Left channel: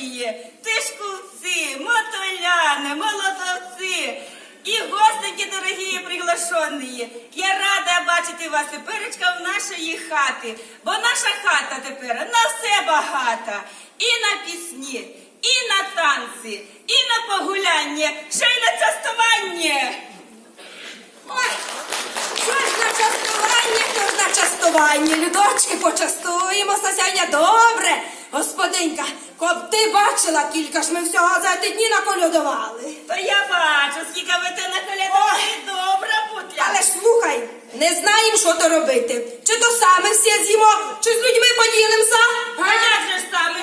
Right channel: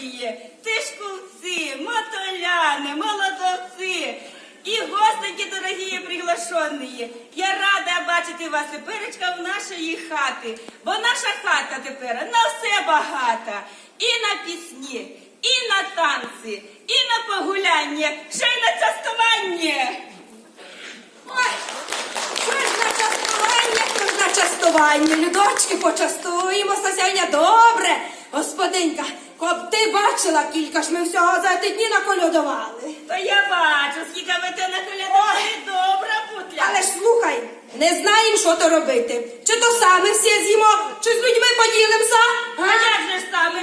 добрі, тишкулці, мотоляни, молодовці і гостики дорогі приглашені. Я рада бачити вас теперечка в нашої хати, бо наша хата тепер на все багата. І на пісні, і на танці, і на погуляння, ще й на частування. Ой, що ж на частування, то ж на частування. Людочки, почастуємося сьогодні добре. Господинька, коли ти бачила, кілька ж ми всього за ті дні наколядували. То я бачу, скільки ви те наколядували, добра путля. Але ж слухай, не знаємо, що то робити. Чи то саме всі з'їмо, чи з людьми поділимося? А як же ж саме?